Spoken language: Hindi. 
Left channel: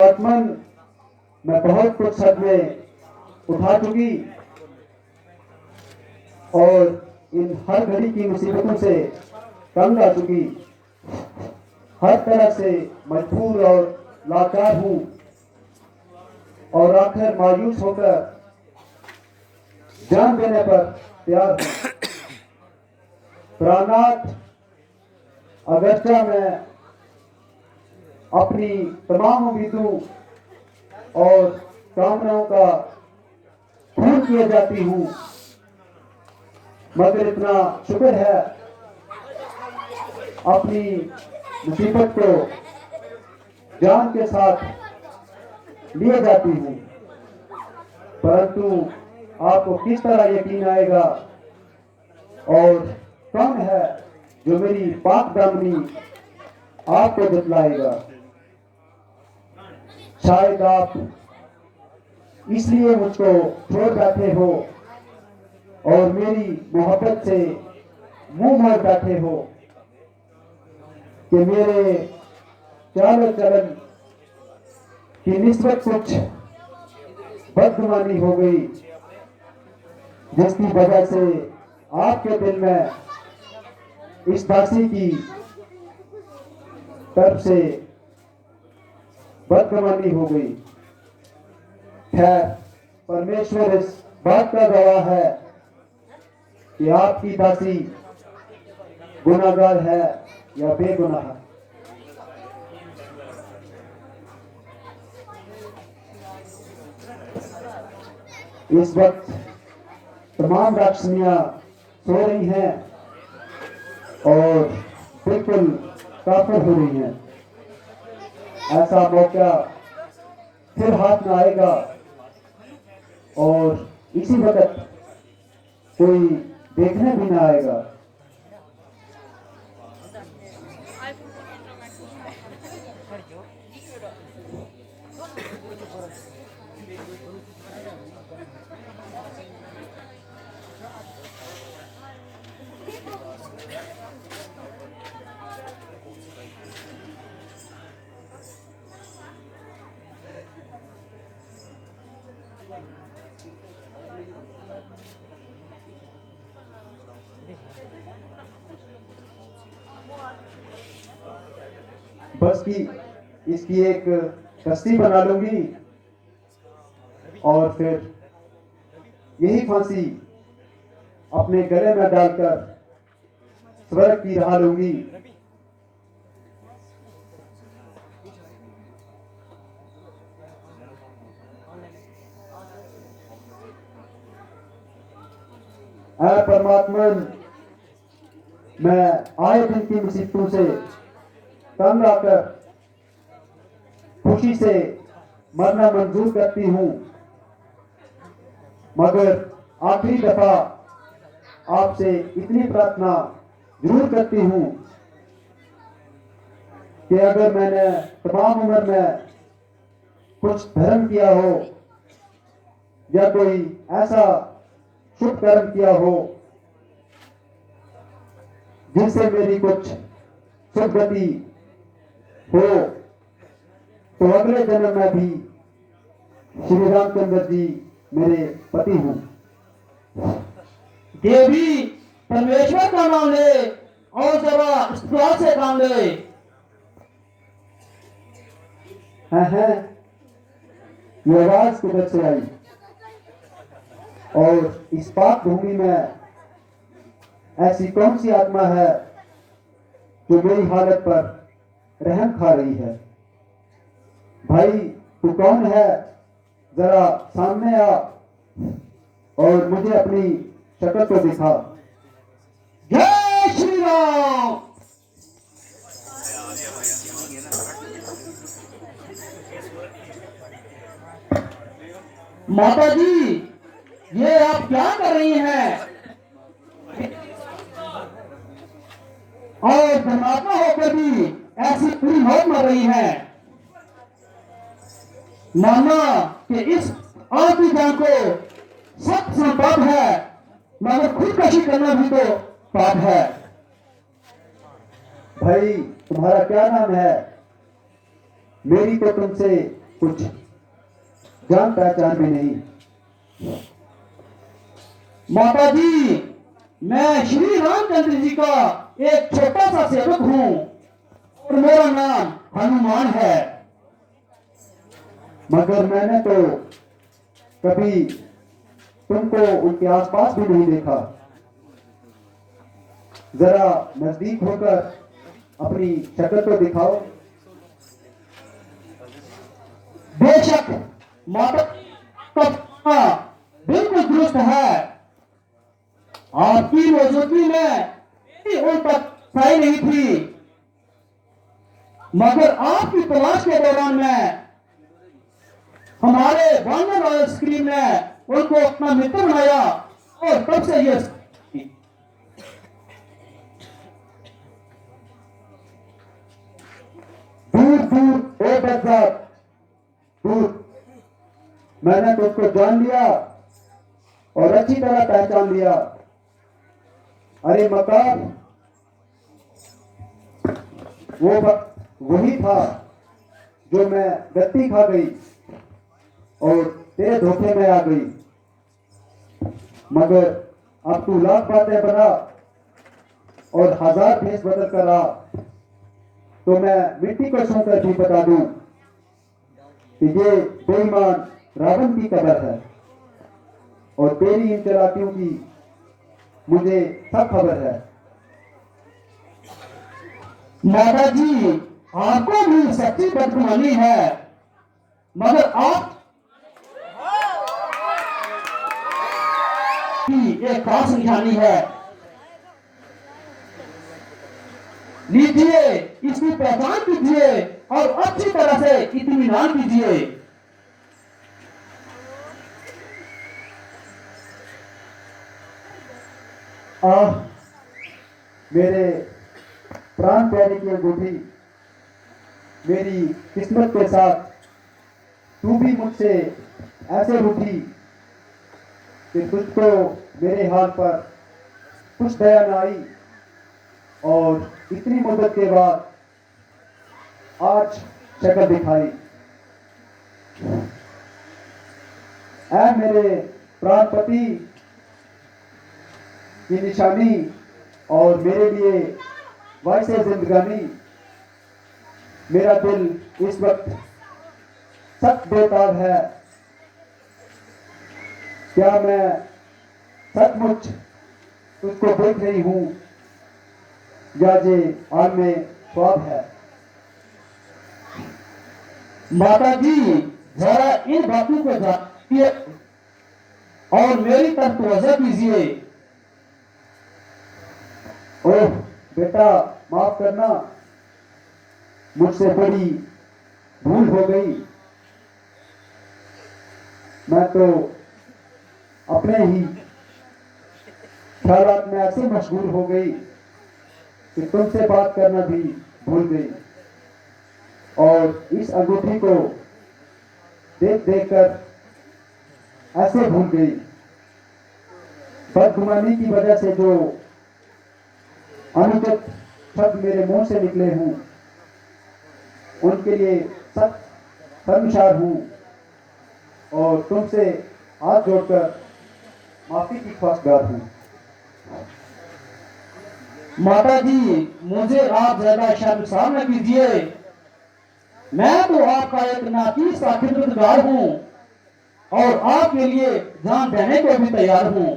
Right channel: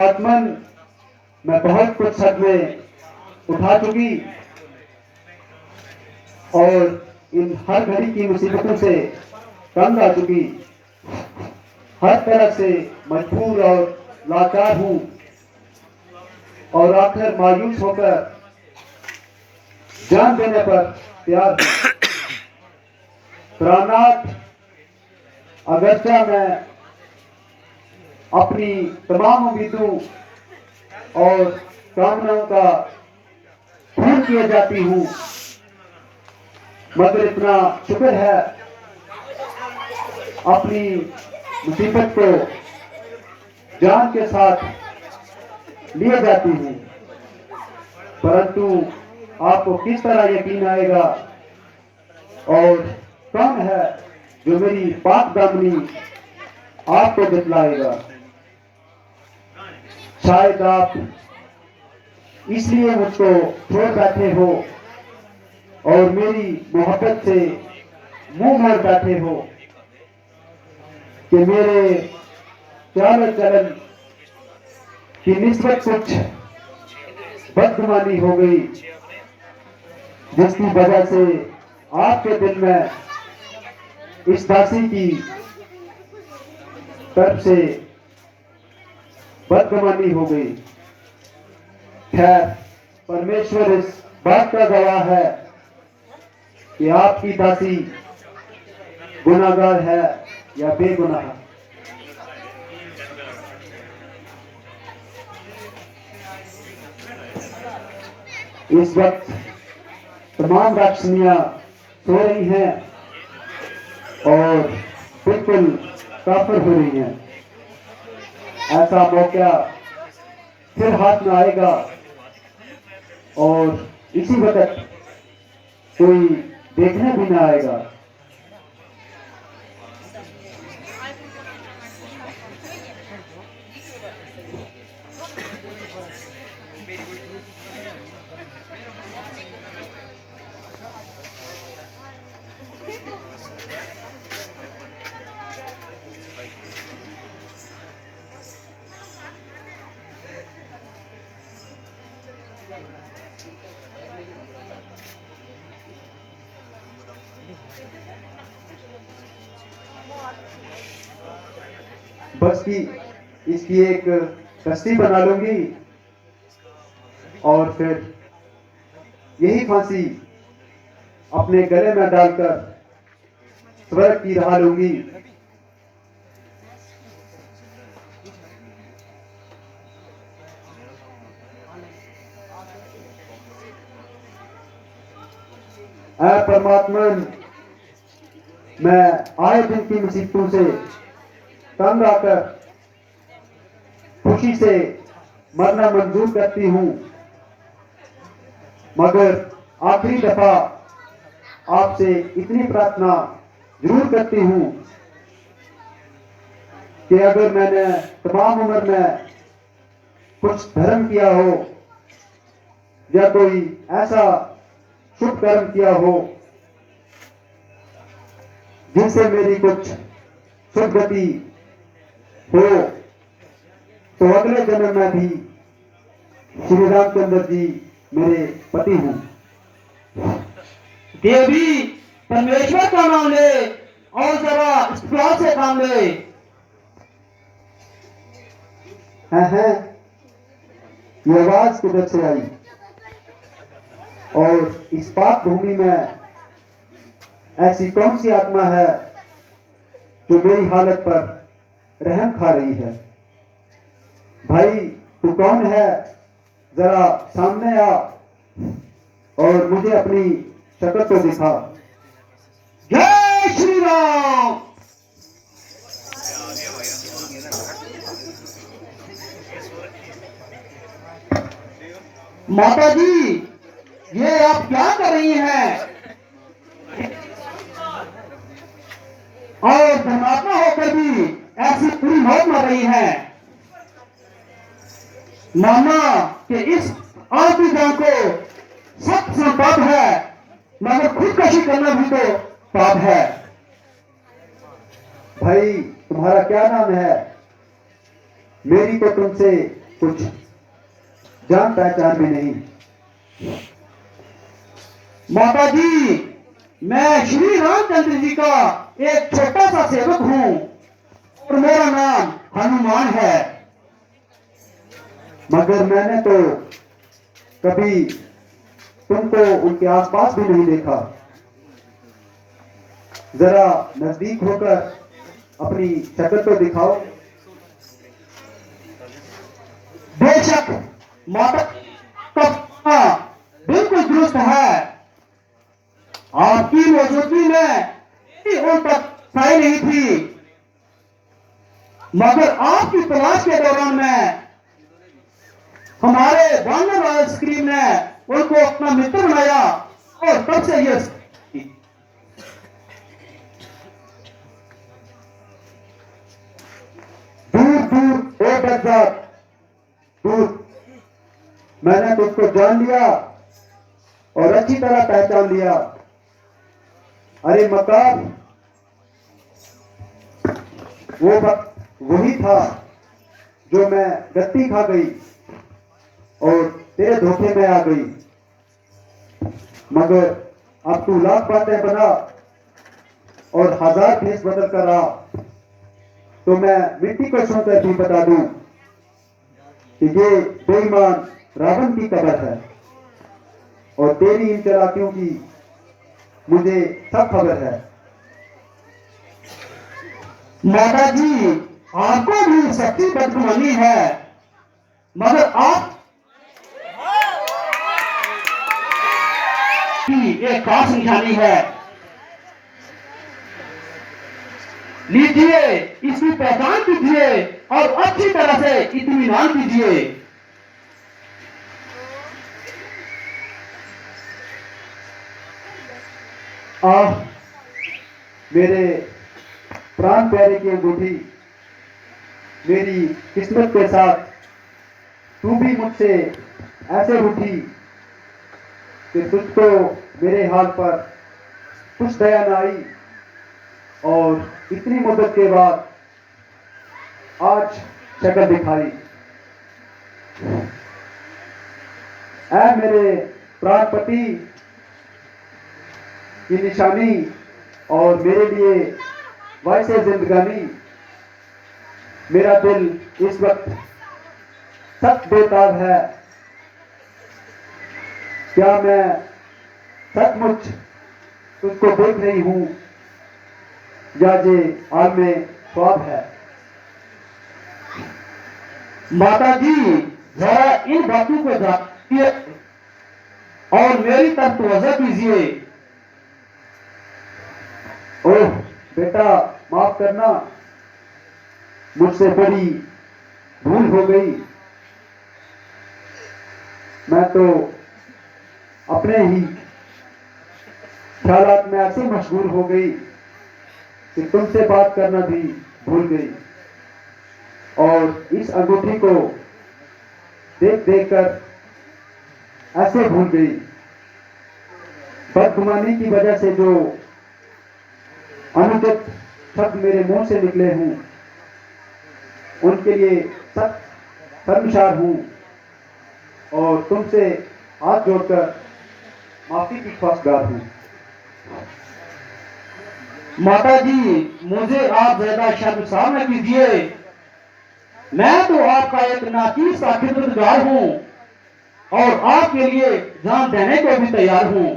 आत्मन मैं बहुत कुछ सद में उठा चुकी और इन हर घड़ी की मुसीबतों से तंग आ चुकी। हर तरह से मजबूर और लाचार हूं और आखिर मायूस होकर जान देने पर तैयार हूं। प्राणात अगरचा मैं अपनी तमाम उम्मीदों और कामनाओं का पूर्ण किया जाती हूं, मगर इतना शुक्र है अपनी मुसीबत को जान के साथ लिए जाती हूं। परंतु आपको किस तरह यकीन आएगा और कौन है जो मेरी पाक दामनी आपको दिखलाएगा। शायद आप इसलिए मुझको छोड़ बैठे हो और मेरी मोहब्बत से मुंह मोड़ बैठे हो कि मेरे चाल चलन की निस्बत कुछ बदगुमानी हो गई, जिसकी वजह से आपके दिल में इस दासी की तरफ से बदगुमानी हो गई। खैर, परमेश्वर इस बात का गवाह है कि आपकी दासी गुनाहगार है या बेगुनाह। इस वक्त तमाम राक्षसनियां सो रही हैं और बिल्कुल काफिर हो रही हैं। ऐसा मौका फिर हाथ में आएगा और इसी वक्त कोई देखने भी ना आएगा। बस की इसकी एक कश्ती बना लूंगी और फिर यही फांसी अपने गले में डालकर स्वर्ग की राह लूंगी। ऐ परमात्मन, मैं आए दिन की मुसीबतों से तंग आकर खुशी से मरना मंजूर करती हूं, मगर आखिरी दफा आपसे इतनी प्रार्थना जरूर करती हूं कि अगर मैंने तमाम उम्र में कुछ धर्म किया हो या कोई ऐसा शुभ कर्म किया हो जिनसे मेरी कुछ शुभ गति हो, तो अगले जन्म में भी श्री रामचंद्र जी मेरे पति हूं। देवी परमेश्वर का नाम ले और जरा इस प्यार से काम ले। है ये आवाज किधर से आई और इस पाक भूमि में ऐसी कौन सी आत्मा है जो मेरी हालत पर रहम खा रही है। भाई तू कौन है, जरा सामने आ और मुझे अपनी शक्ल को दिखा। जय श्री राम। माता जी, ये आप क्या कर रही हैं? और धर्मात्मा होकर भी ऐसी पूरी मौत मर रही है। माना कि इस आखिरी जान को सख्त से पाप है, मगर खुदकशी करना भी तो पाप है। भाई तुम्हारा क्या नाम है? मेरी तो तुमसे कुछ जान पहचान भी नहीं। माता जी, मैं श्री रामचंद्र जी का एक छोटा सा सेवक हूं और मेरा नाम हनुमान है। मगर मैंने तो कभी तुमको उनके आसपास भी नहीं देखा। जरा नजदीक होकर अपनी शक्ल तो दिखाओ। बेशक माता का बिल्कुल दुरुस्त है। आपकी मौजूदगी में उन तक सही नहीं थी, मगर आपकी तलाश के दौरान में हमारे वानर आइसक्रीम ने उनको अपना मित्र बनाया और तब से ये दूर दूर एक हजार दूर मैंने तुमको जान लिया और अच्छी तरह पहचान लिया। अरे मकान, वो वही था जो मैं गत्ती खा गई और तेरे धोखे में आ गई। मगर अब तू लाख बातें बना और हजार भेष बदल कर आ, तो मैं मिट्टी को छूकर भी बता दूं कि ये बेईमान रावण की कब्र है और तेरी इन चालाकियों की मुझे सब खबर है। माता जी, आपको भी सच्ची बदगुमानी है, मगर आप की एक खास निशानी है। लीजिए, इसकी पहचान कीजिए और अच्छी तरह से इत्मीनान कीजिए। आह, मेरे प्राण प्यारे की अंगूठी, मेरी किस्मत के साथ तू भी मुझसे ऐसे रूठी कि तुझको मेरे हाल पर कुछ दया न आई और इतनी मुद्दत के बाद आज शक्ल दिखाई। ऐ मेरे प्राणपति की निशानी और मेरे लिए वायसे जिंदगानी, मेरा दिल इस वक्त सख्त बेताब है। क्या मैं सचमुच तुझको देख रही हूं या ये आलमे ख्वाब है? माता जी, जरा इन बातों को जानिए और मेरी तरफ तवज्जो कीजिए। ओह बेटा, माफ करना, मुझसे बड़ी भूल हो गई। मैं तो अपने ही ख्यालात में ऐसी मशगूल हो गई कि तुमसे बात करना भी भूल गई और इस अंगूठी को देख देख कर ऐसे भूल गई। बदगुमानी की वजह से जो अनुचित शब्द मेरे मुंह से निकले हूं, उनके लिए सख्त शर्मसार हूं और तुमसे हाथ जोड़कर माफी की ख्वाहिशगार हूं। माता जी, मुझे आप ज्यादा शर्मसार न कीजिए। मैं तो आपका एक नाचीज सा खिदमतगार हूं और आपके लिए जान देने को भी तैयार हूं।